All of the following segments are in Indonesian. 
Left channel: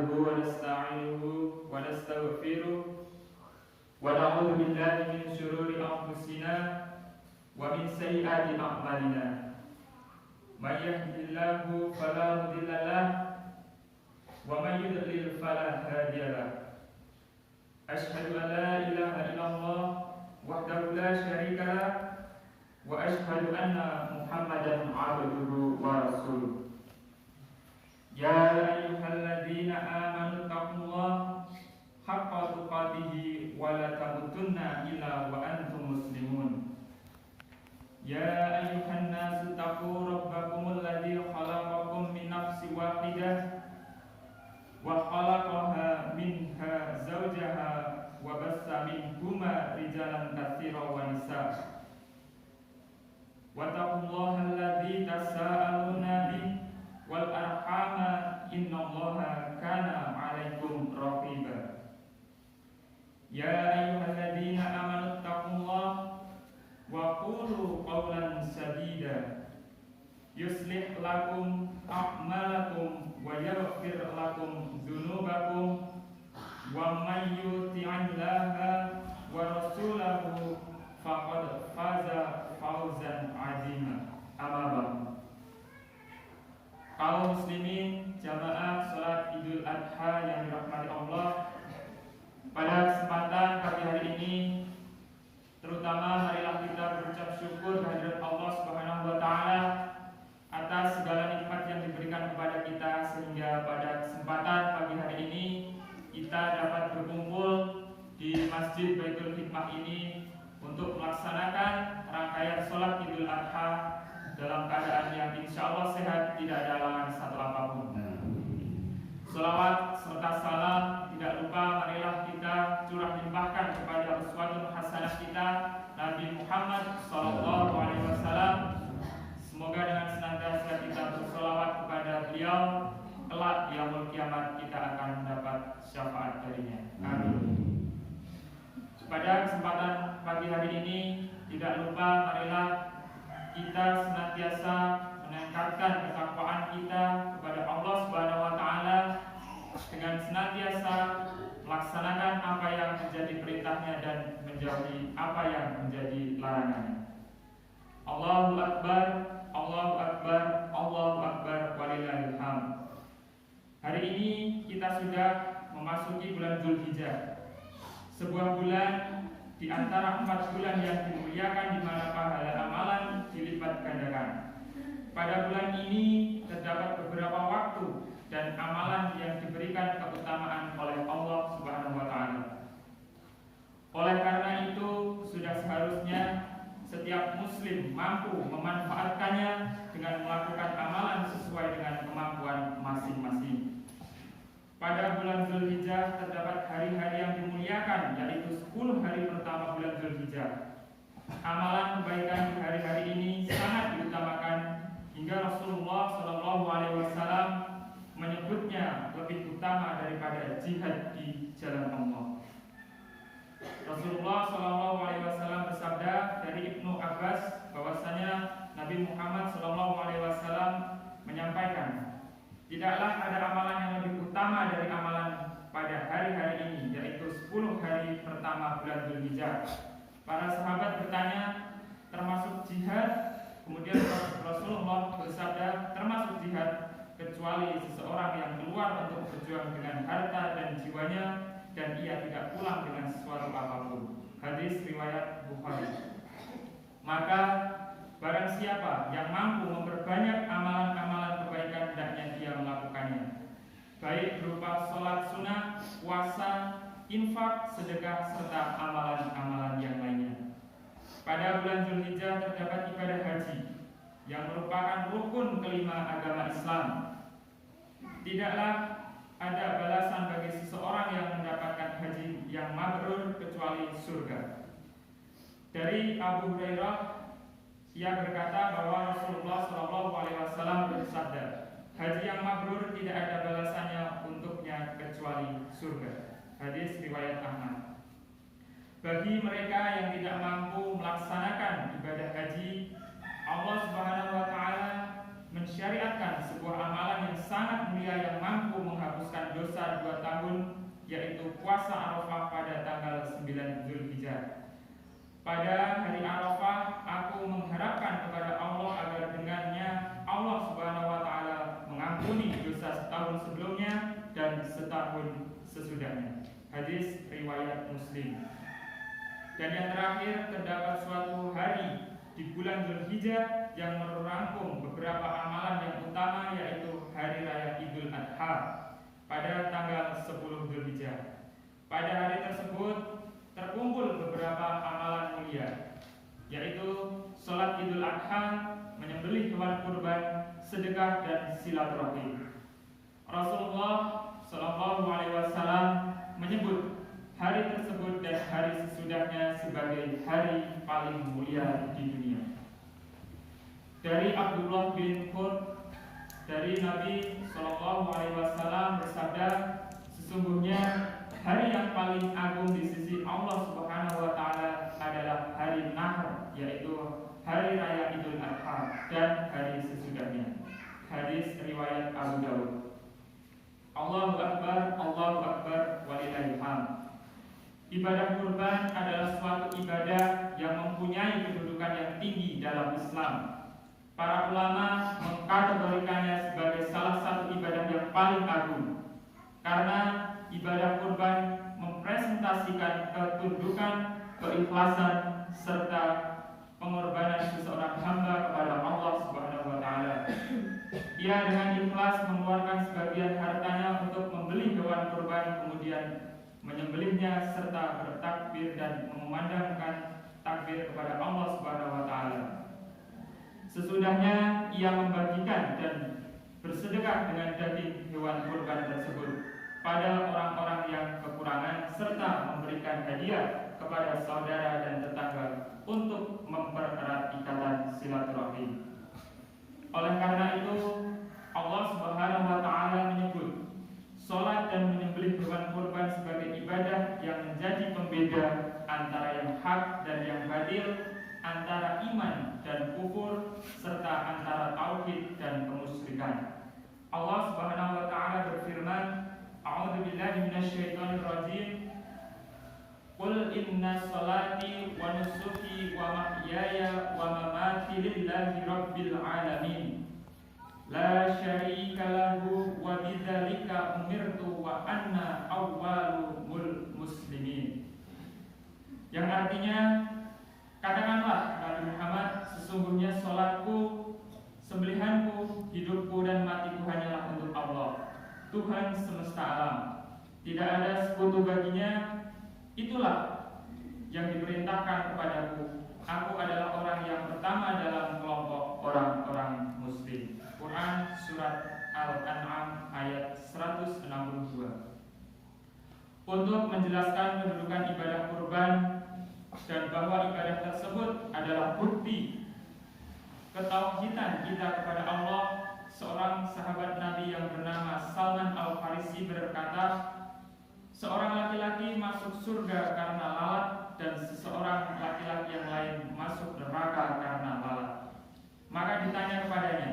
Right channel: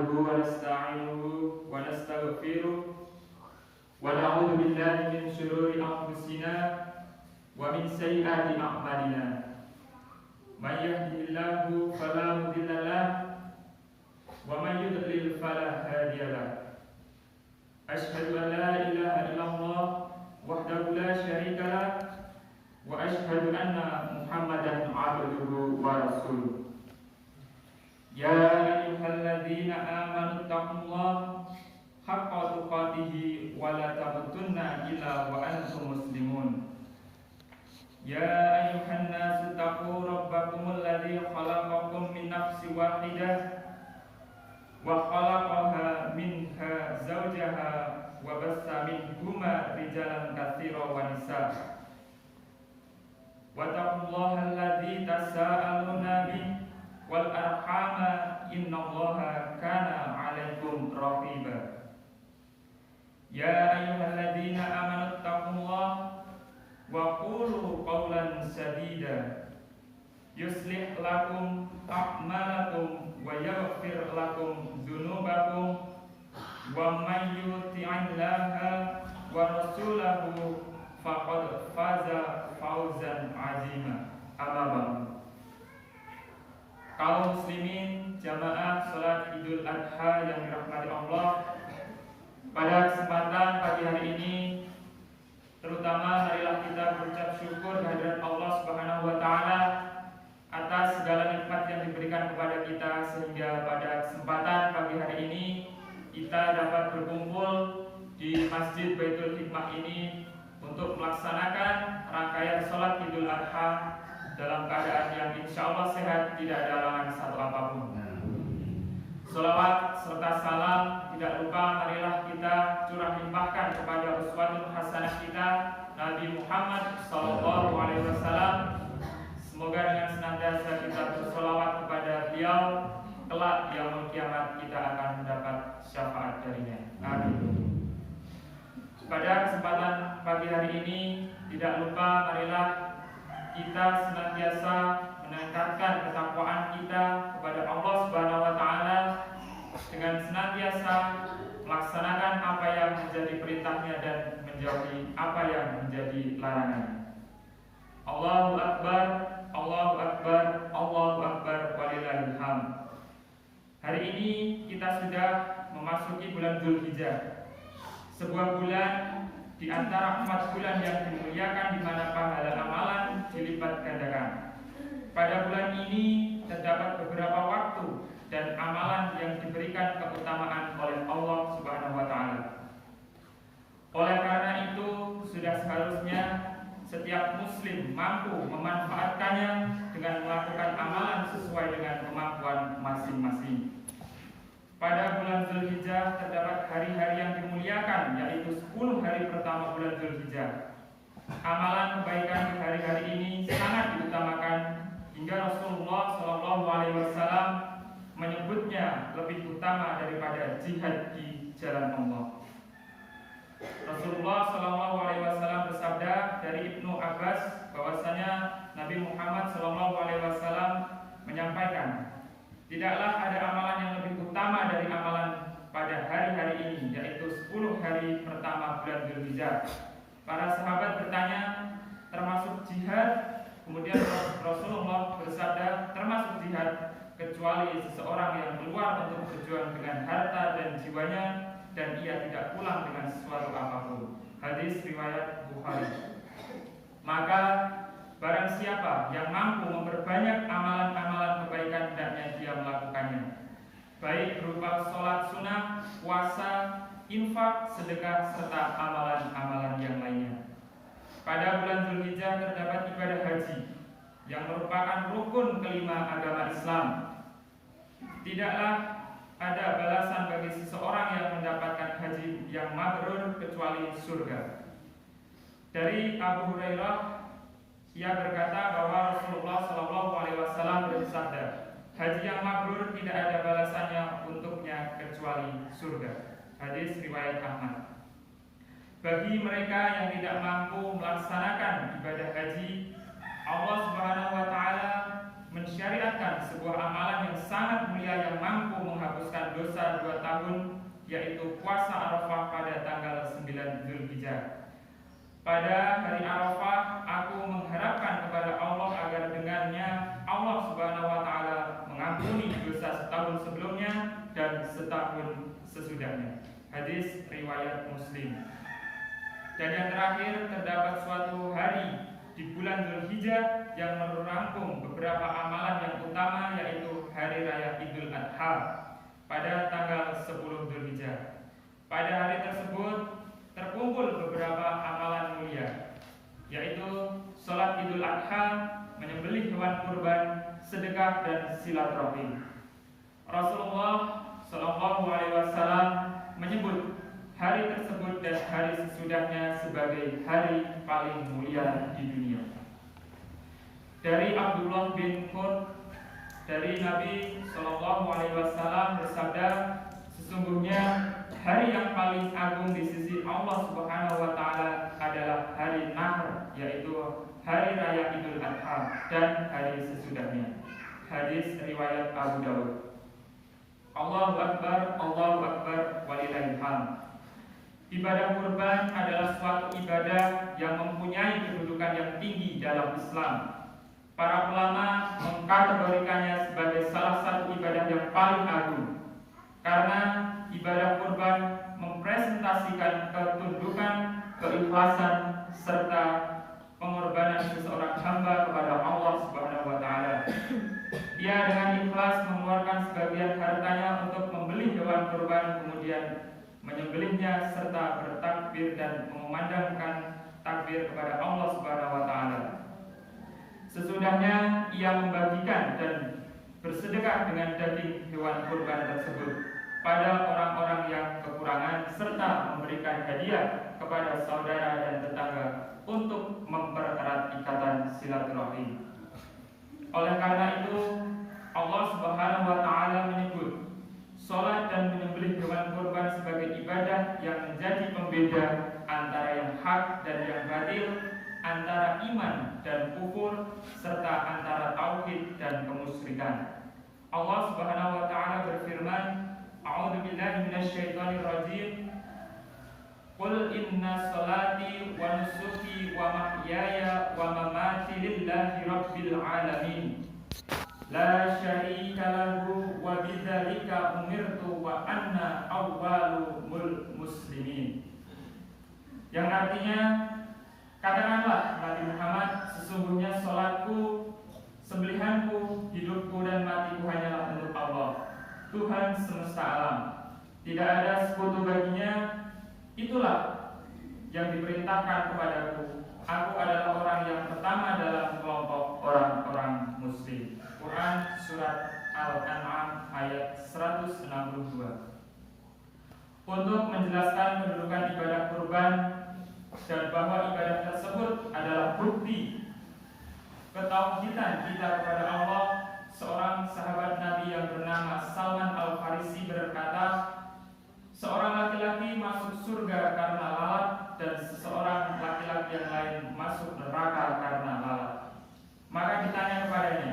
nahmaduhu wa nasta'inuhu wa nastaghfiruh wa na'udzu billahi min shururi anfusina wa min sayyiati a'malina. May yahdihillahu fala mudilla lahu wa may yudlil fala hadiya lahu. Asyhadu an la ilaha illallah wahdahu la syarika lahu wa asyhadu anna Muhammadan abduhu wa rasuluh. Ya ayyuhalladzina amanu taqullaha haqqa tuqatih wa la tamutunna illa wa antum muslimun. Ya ayyuhan nasu taqu rabbakumul ladzi khalaqakum min nafsin wahidah wa khalaqaha minha zawjaha wa bassa minhuma rijalan katsiran wa nisaa. Wattaqullaha alladzi tasaaluna bihi wal arhama innallaha kana 'alaikum raqiba. Ya ayyuhalladzina amanu taqullaha wa qulu qawlan sadida yuslih lakum a'malakum wa yaghfir lakum dzunubakum wa may yuti'illaha wa rasulahu faqad faza fawzan 'azima. Amma ba'du. Kaum muslimin jamaah salat Idul Adha yang dirahmati Allah, pada kesempatan pagi hari ini terutama marilah kita berucap syukur kehadirat Allah Subhanahu wa taala atas segala nikmat yang diberikan kepada kita, sehingga pada kesempatan pagi hari ini kita dapat berkumpul di Masjid Baitul Hikmah ini untuk melaksanakan rangkaian salat Idul Adha dalam keadaan yang insya Allah sehat, tidak ada halangan satu apapun. Salawat serta salam tidak lupa marilah kita curah limpahkan kepada uswatun hasanah kita Nabi Muhammad sallallahu alaihi wasallam. Semoga dengan senantiasa kita bersolawat kepada beliau, kelak yaumul kiamat kita akan mendapat syafaat darinya. Amin. Pada kesempatan pagi hari ini tidak lupa marilah kita senantiasa meningkatkan ketakwaan kita kepada Allah Subhanahu wa taala dengan senantiasa melaksanakan apa yang menjadi perintahnya dan menjauhi apa yang menjadi larangannya. Allahu akbar, Allahu akbar, Allahu akbar walillahil hamd. Hari ini kita sudah memasuki bulan Dzulhijjah, sebuah bulan di antara 4 bulan yang dimuliakan, di mana pahala amalan dilipat gandakan. Pada bulan ini terdapat beberapa waktu dan amalan yang diberikan keutamaan oleh Allah Subhanahu wa taala. Oleh karena itu, sudah seharusnya setiap muslim mampu memanfaatkannya dengan melakukan amalan sesuai dengan kemampuan masing-masing. Pada bulan Dzulhijjah terdapat hari-hari yang dimuliakan, yaitu 10 hari pertama bulan Dzulhijjah. Amalan kebaikan di hari-hari ini sangat diutamakan, hingga Rasulullah SAW menyebutnya lebih utama daripada jihad di jalan Allah. Rasulullah SAW bersabda dari Ibnu Abbas bahwasanya Nabi Muhammad SAW menyampaikan, tidaklah ada amalan yang lebih utama dari amalan pada hari-hari ini, yaitu 10 hari pertama bulan Dzulhijjah. Para sahabat bertanya, termasuk jihad? Kemudian Rasulullah bersabda, termasuk jihad, kecuali seseorang yang keluar untuk berjuang dengan harta dan jiwanya, dan ia tidak pulang dengan sesuatu apapun. Hadis riwayat Bukhari. Maka barang siapa yang mampu memperbanyak amalan-amalan kebaikan, hendaknya dia melakukannya, baik berupa sholat sunnah, puasa, infak, sedekah, serta amalan-amalan yang lainnya. Pada bulan Dzulhijjah terdapat ibadah haji yang merupakan rukun kelima agama Islam. Tidaklah ada balasan bagi seseorang yang mendapatkan haji yang mabrur kecuali surga. Dari Abu Hurairah, ia berkata bahwa Rasulullah SAW bersabda, haji yang mabrur tidak ada balasannya untuknya kecuali surga. Hadis riwayat Ahmad. Bagi mereka yang tidak mampu melaksanakan ibadah haji, Allah Subhanahu wa taala mensyariatkan sebuah amalan yang sangat mulia yang mampu menghapuskan dosa 2 tahun, yaitu puasa Arafah pada tanggal 9 Zulhijjah. Pada hari Arafah, aku mengharapkan kepada Allah agar dengannya Allah Subhanahu wa Ta'ala mengampuni dosa setahun sebelumnya dan setahun sesudahnya. Hadis riwayat Muslim. Dan yang terakhir, terdapat suatu hari di bulan Zulhijjah yang merangkum beberapa amalan yang utama, yaitu hari raya Idul Adha pada tanggal 10 Zulhijjah. Pada hari tersebut terkumpul beberapa amalan mulia, yaitu sholat Idul Adha, menyembelih hewan kurban, sedekah dan silaturahim. Rasulullah Shallallahu Alaihi Wasallam menyebut hari tersebut dan hari sesudahnya sebagai hari paling mulia di dunia. Dari Abdullah bin Qurt, dari Nabi Shallallahu Alaihi Wasallam bersabda, sesungguhnya hari yang paling agung di sisi Allah Subhanahu wa Ta'ala adalah hari Nahr, yaitu hari raya Idul Adha dan hari sesudahnya. Hadis riwayat Abu Dawud. Allahu Akbar, walillahil hamd. Ibadah kurban adalah suatu ibadah yang mempunyai kedudukan yang tinggi dalam Islam. Para ulama mengkategorikannya sebagai salah satu ibadah yang paling agung, karena ibadah kurban mempresentasikan ketundukan, keikhlasan, serta pengorbanan seseorang hamba kepada Allah Subhanahu wa Ta'ala. Ia dengan ikhlas mengeluarkan sebagian hartanya untuk membeli hewan kurban, kemudian menyembelihnya serta bertakbir dan mengumandangkan takbir kepada Allah Subhanahu wa Ta'ala. Sesudahnya ia membagikan dan bersedekah dengan daging hewan kurban tersebut pada orang-orang yang kekurangan, serta memberikan hadiah kepada saudara dan tetangga untuk mempererat ikatan silaturahim. Oleh karena itu, Allah Subhanahu wa Ta'ala menyebut sholat dan menyembelih hewan kurban sebagai ibadah yang menjadi pembeda antara yang hak dan yang batil, antara iman dan kufur, serta antara tauhid dan kemusyrikan. Allah Subhanahu wa Ta'ala berfirman, A'udzu billahi minasyaitonir rajim. Qul inna sholati wa nusuki wa mahyaya wa mamati lillahi rabbil alamin. La syarika lahu wa bidzalika umirtu wa anna awwalul muslimin. Yang artinya, katakanlah Nabi Muhammad, sesungguhnya sholatku, sembelihanku, hidupku dan matiku hanyalah untuk Allah, Tuhan semesta alam. Tidak ada sekutu baginya. Itulah yang diperintahkan kepadaku. Aku adalah orang yang pertama dalam kelompok orang-orang muslim. Quran surat Al-An'am ayat 162. Untuk menjelaskan kedudukan ibadah kurban dan bahwa ibadah tersebut adalah bukti ketauhidan kita kepada Allah, seorang sahabat Nabi yang bernama Salman Al-Farisi berkata, seorang laki-laki masuk surga karena lalat dan seseorang laki-laki yang lain masuk neraka karena lalat. Maka ditanya kepadanya,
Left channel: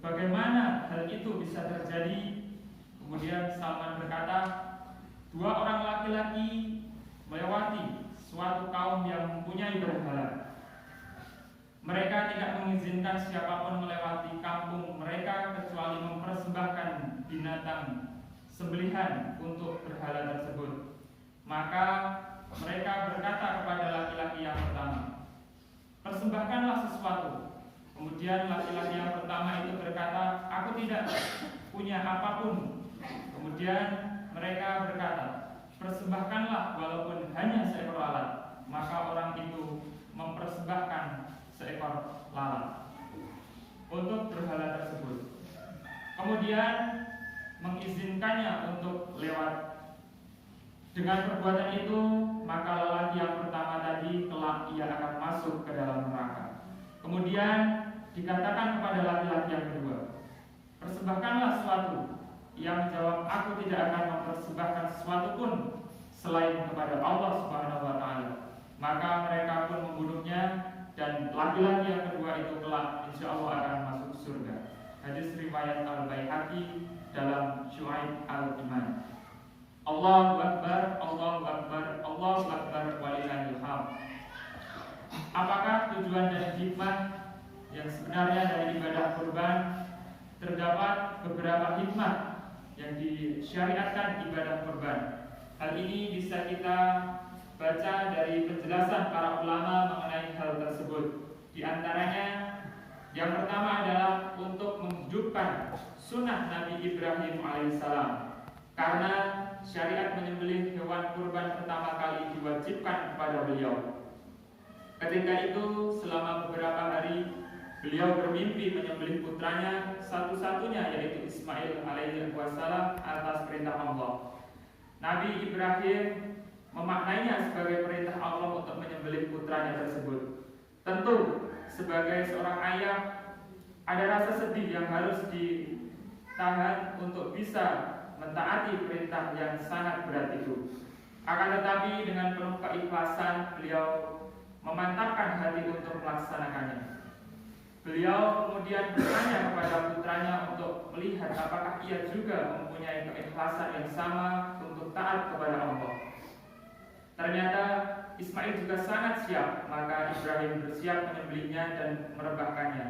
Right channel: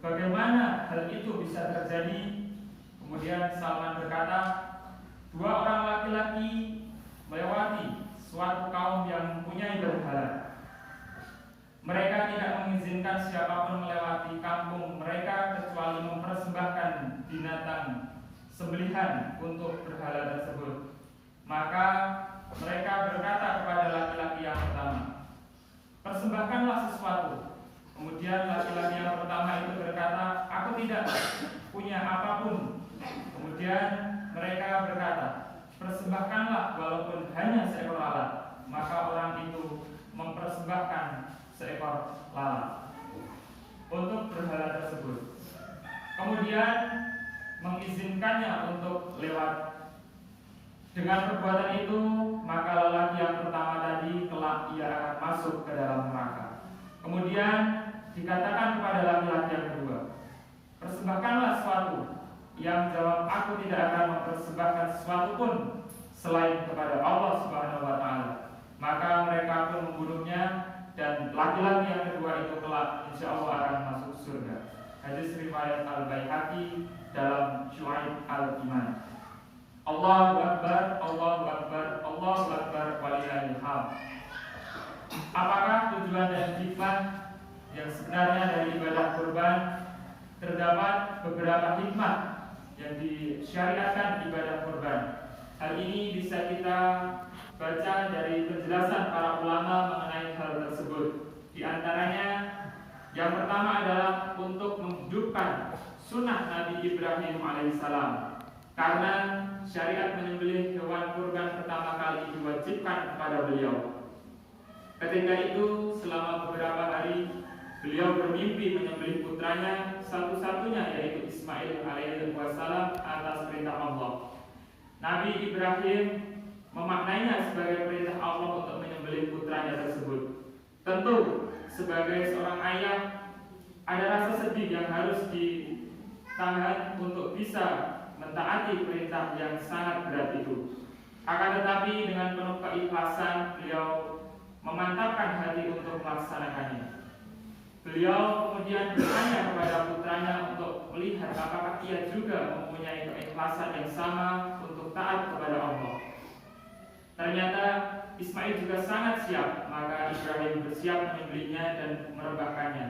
bagaimana hal itu bisa terjadi? Kemudian Salman berkata, dua orang laki-laki melewati suatu kaum yang mempunyai berhala. Mereka tidak mengizinkan siapapun melewati kampung mereka kecuali mempersembahkan binatang sembelihan untuk berhala tersebut. Maka mereka berkata kepada laki-laki yang pertama, persembahkanlah sesuatu. Kemudian laki-laki yang pertama itu berkata, aku tidak punya apapun. Kemudian mereka berkata, persembahkanlah walaupun hanya seekor lalat. Maka orang itu mempersembahkan seekor lalat untuk berhala tersebut. Kemudian mengizinkannya untuk lewat. Dengan perbuatan itu, maka lelaki yang pertama tadi kelak ia akan masuk ke dalam neraka. Kemudian dikatakan kepada laki-laki yang kedua, persembahkanlah sesuatu. Ia menjawab, aku tidak akan mempersembahkan sesuatu pun selain kepada Allah Subhanahu wa Ta'ala. Maka mereka pun membunuhnya, dan laki-laki yang kedua itu kelak insya Allah akan masuk surga. Hadis riwayat Al-Baihaqi dalam Syu'aib Al-Iman. Allahu Akbar, Allahu Akbar, Allahu Akbar, walillahil hamd. Apakah tujuan dan hikmah yang sebenarnya dari ibadah kurban? Terdapat beberapa hikmah yang disyariatkan ibadah kurban. Hal ini bisa kita baca dari penjelasan para ulama mengenai hal tersebut. Di antaranya, yang pertama adalah untuk menghidupkan sunnah Nabi Ibrahim alaihissalam. Karena syariat menyembelih hewan kurban pertama kali diwajibkan kepada beliau. Ketika itu, selama beberapa hari, beliau bermimpi menyembelih putranya satu-satunya, yaitu Ismail alaihissalam atas perintah Allah. Nabi Ibrahim memaknainya sebagai perintah Allah untuk menyembelih putranya tersebut. Tentu, sebagai seorang ayah, ada rasa sedih yang harus ditahan untuk bisa mentaati perintah yang sangat berat itu. Akan tetapi dengan penuh keikhlasan, beliau memantapkan hati untuk melaksanakannya. Beliau kemudian bertanya kepada putranya untuk melihat apakah ia juga mempunyai keikhlasan yang sama untuk taat kepada Allah. Ternyata Ismail juga sangat siap, maka Ibrahim bersiap menyembelihnya dan merebahkannya.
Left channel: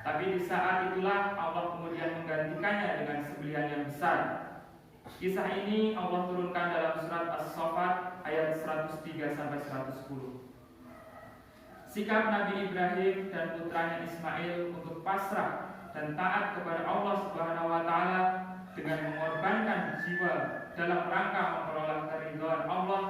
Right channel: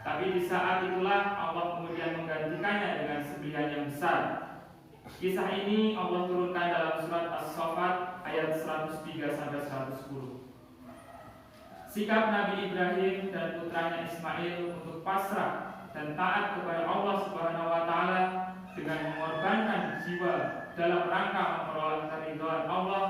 Tapi di saat itulah Allah kemudian menggantikannya dengan sembelihan yang besar. Kisah ini Allah turunkan dalam surat As-Saffat ayat 103-110. Sikap Nabi Ibrahim dan putranya Ismail untuk pasrah dan taat kepada Allah Subhanahu wa taala dengan mengorbankan jiwa dalam rangka memperoleh keridhaan Allah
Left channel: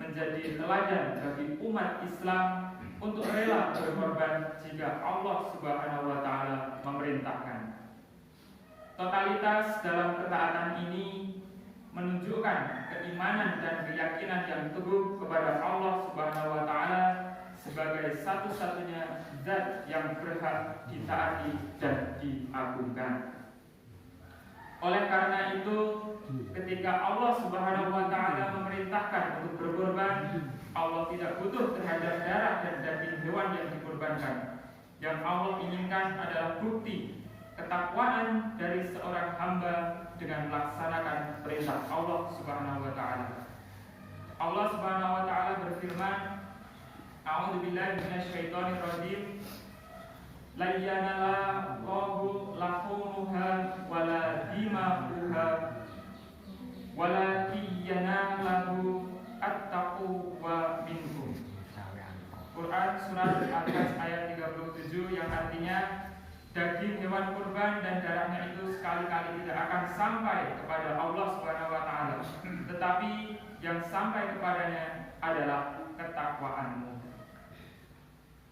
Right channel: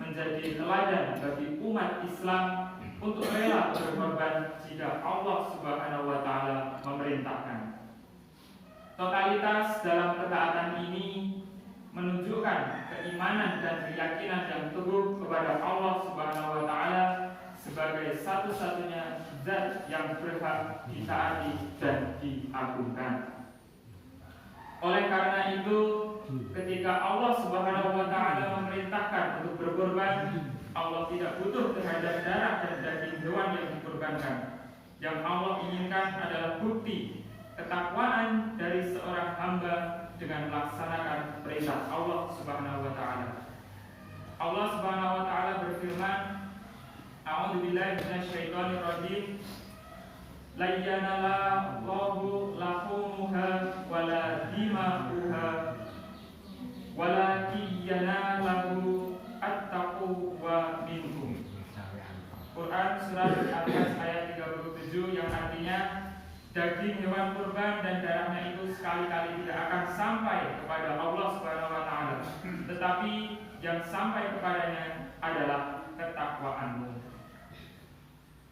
menjadi teladan bagi umat Islam untuk rela berkorban jika Allah Subhanahu wa taala memerintahkan. Totalitas dalam ketaatan ini menunjukkan keimanan dan keyakinan yang teguh kepada Allah Subhanahu wa taala sebagai satu-satunya zat yang berhak ditaati dan diagungkan. Oleh karena itu, ketika Allah Subhanahu wa taala memerintahkan untuk berkorban, Allah tidak butuh terhadap darah dan daging hewan yang dikorbankan. Yang Allah inginkan adalah bukti ketakwaan dari seorang hamba dengan melaksanakan perintah Allah Subhanahu wa taala. Allah Subhanahu wa taala berfirman, A'udzubillahi minasyaitonir rajim. La yanallahu lahumuha wala dima'uha walakin yanalahu at-taqwa minkum. Quran surat Al-Hajj ayat 37 yang artinya daging hewan kurban dan darahnya itu sekali-kali tidak akan sampai kepada Allah Subhanahu wa taala, tetapi yang sampai kepadanya adalah ketakwaanmu.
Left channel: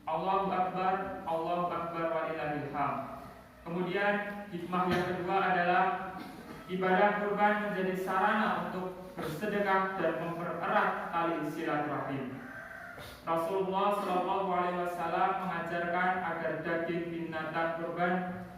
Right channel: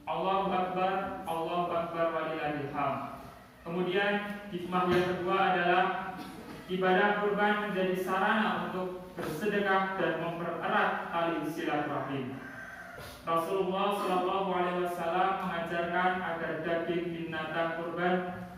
Allahu Akbar, Allahu Akbar, walillahil hamd. Kemudian hikmah yang kedua adalah ibadah kurban menjadi sarana untuk bersedekah dan mempererat tali silaturahim. Rasulullah Shallallahu Alaihi Wasallam mengajarkan agar daging binatang kurban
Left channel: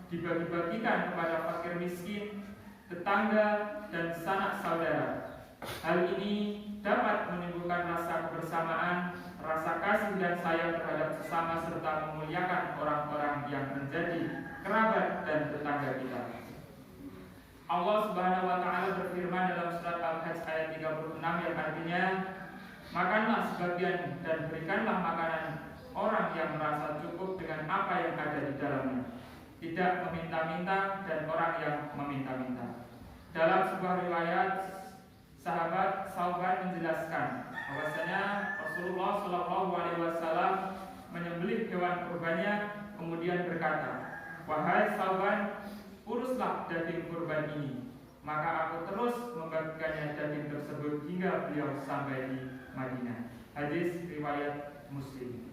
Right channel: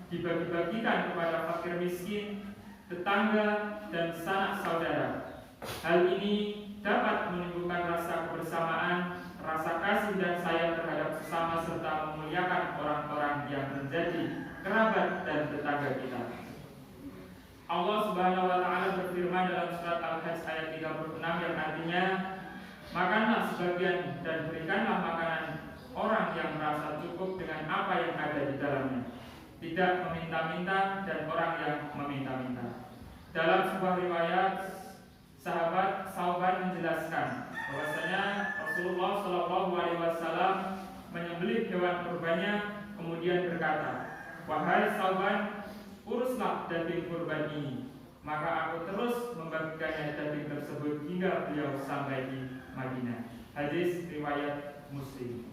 dibagi-bagikan kepada fakir miskin, tetangga, dan sanak saudara. Hal ini dapat menimbulkan rasa kebersamaan, rasa kasih dan sayang terhadap sesama serta memuliakan orang-orang yang menjadi kerabat dan tetangga kita. Allah Subhanahu wa taala berfirman dalam surat Al-Hajj ayat 36 yang artinya, makanlah sebagian dan berikanlah makanan orang yang merasa cukup dengan apa yang ada di dalamnya, tidak meminta-minta dan orang yang meminta-minta. Dalam sebuah riwayat, sahabat Sauban menjelaskan bahwasanya Rasulullah Shallallahu Alaihi Wasallam menyembelih hewan kurbannya, kemudian berkata, wahai Sauban, uruslah daging kurban ini. Maka aku terus membagikannya daging tersebut hingga beliau sampai di Madinah. Hadis riwayat Muslim.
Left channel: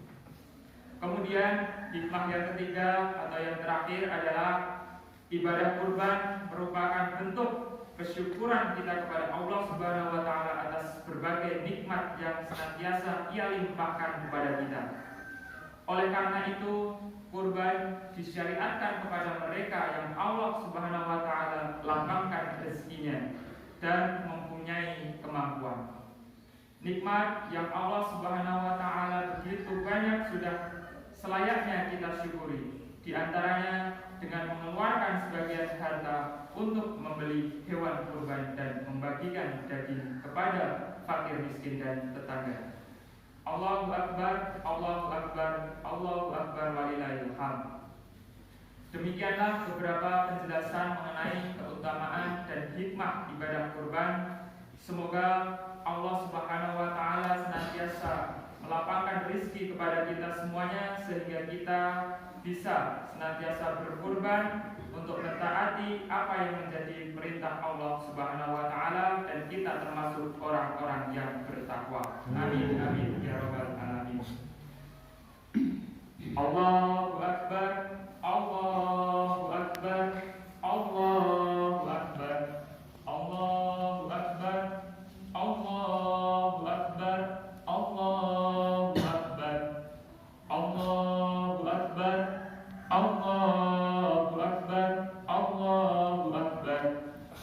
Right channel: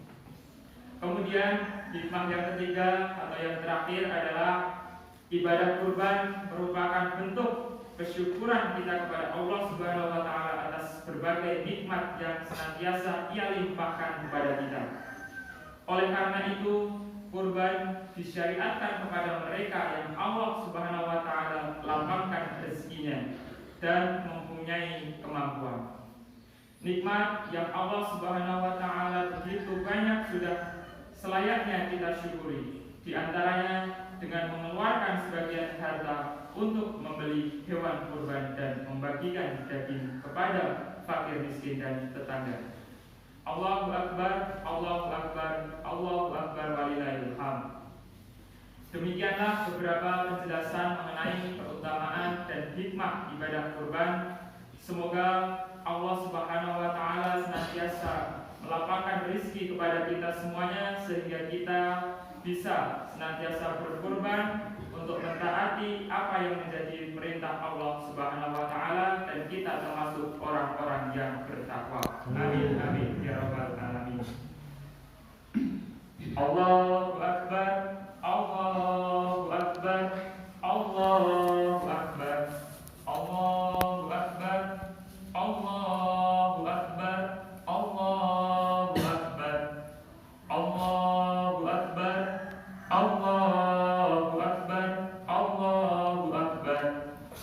Kemudian hikmah yang ketiga atau yang terakhir adalah ibadah kurban merupakan bentuk kesyukuran kita kepada Allah Subhanahu wa taala atas berbagai nikmat yang senantiasa Ia limpahkan kepada kita. Oleh karena itu, kurban disyariatkan kepada mereka yang Allah Subhanahu wa taala lapangkan rezekinya dan mempunyai kemampuan. Nikmat yang Allah Subhanahu wa taala begitu banyak sudah selayaknya kita syukuri. di antaranya dengan mengeluarkan sebagian harta untuk membeli hewan kurban dan membagikan daging kepada fakir miskin dan tetangga. Allahu Akbar, Allahu Akbar, Allahu Akbar walillahil hamd. Demikianlah beberapa penjelasan mengenai keutamaan dan hikmah ibadah kurban. Semoga Allah Subhanahu wa taala senantiasa melapangkan rezeki kepada kita semuanya sehingga kita bisa senantiasa berkurban untuk mentaati apa yang menjadi perintah Allah Subhanahu wa taala dan kita termasuk orang-orang yang bertakwa. Amin amin ya rabbal alamin. Allahu Akbar, Allahu Akbar, Allahu Akbar, Allahu Akbar, Allahu Akbar, Allahu Akbar, Allahu Akbar, Allahu Akbar, Allahu Akbar,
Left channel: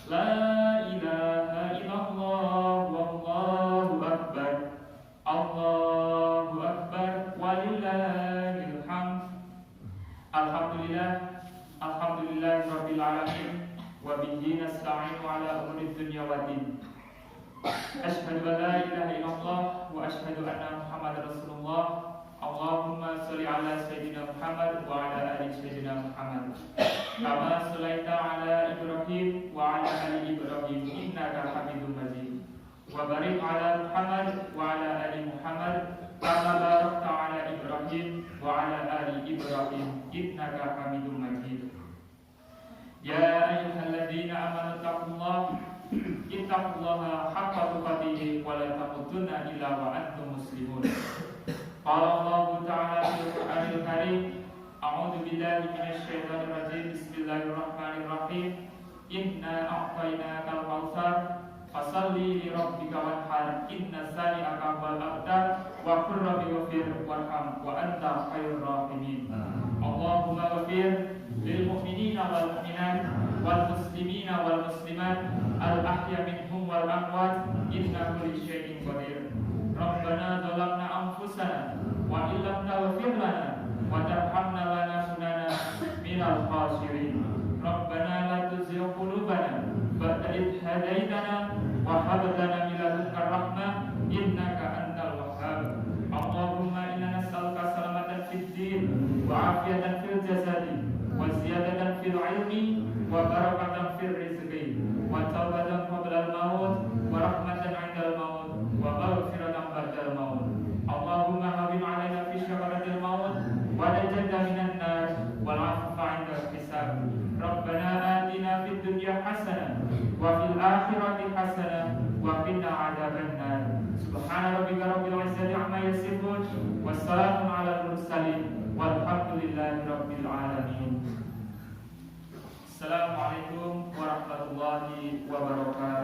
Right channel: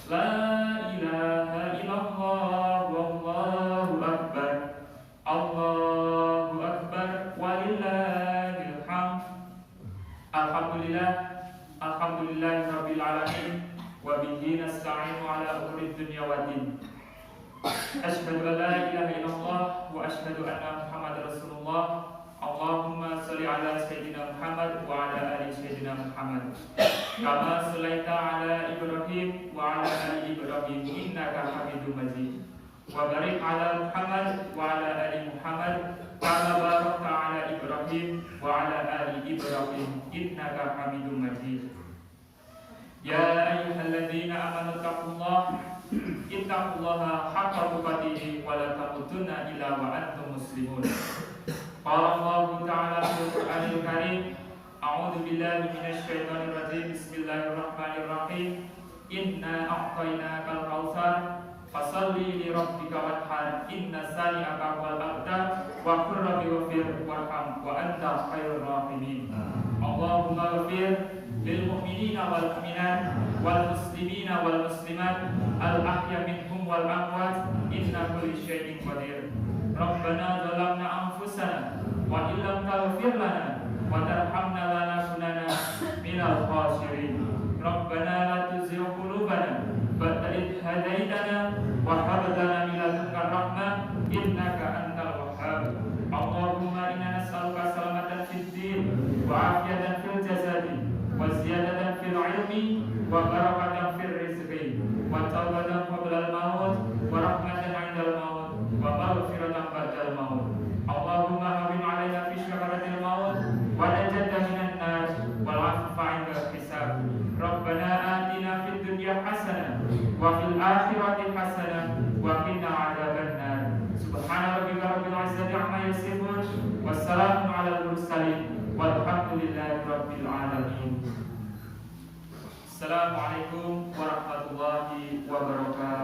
La ilaha illallah, wallahu akbar, Allahu Akbar, walillahil hamd. Alhamdulillah, alhamdulillahirabbil alamin, wa bihi nasta'inu ala umuri dunya waddin. Asyhadu an la ilaha illallah wa asyhadu anna Muhammadar Rasulullah. Allahumma sholli ala sayyidina Muhammad wa ala ali sayyidina Muhammad. Kama shallaita ala Ibrahim wa ala ali Ibrahim innaka Hamidum Majid. Wa barik ala Muhammad wa ala ali Muhammad kama barakta ala Ibrahim wa ala ali Ibrahim innaka Hamidum Majid. Ya ayyuhalladzina amanu taqullaha ittaqullaha haqqa tuqatih wa la tamutunna illa wa antum muslimun. Qala Allah ta'ala fil Qur'anil Karim, a'udzu billahi minasy syaithanir rajim. Bismillahirrahmanirrahim. Inna a'tainakal kautsar fasholli li rabbika wanhar inna shani'aka wal abtar wa qur rabbi waghfir warham wa anta khairur rahimin. Allahumma waghfir lil mu'minina wal mu'minat wal muslimina wal muslimat al ahya minhum wal amwat innahu kulli syai'in qadir. Rabbana zalamna anfusana wa illam taghfir lana wa tarhamna lanakunanna minal khasirin. Rabbana la tuzigh qulubana ba'da idh hadaitana wa hab lana min ladunka rahmah innaka antal wahhab. Allahumma inna nas'aluka salamatan fid din wa afiyatan fil jasadi wa ziyadatan fil ilmi wa barakatan fil rizqi wa tawbatan qabla al maut wa rahmatan 'indal maut wa maghfiratan ba'dal maut. Allahumma hawwin 'alaina fi syakaratil maut wa najata minan nar wal 'afwa 'indal hisab. Rabbana atina fid dunya hasanah wa fil akhirati hasanah wa qina 'adzabannar. Subhana rabbika rabbil 'izzati 'amma yasifun wassalamun 'alal mursalin walhamdulillahi rabbil alamin. Assalamualaikum warahmatullahi wabarakatuh.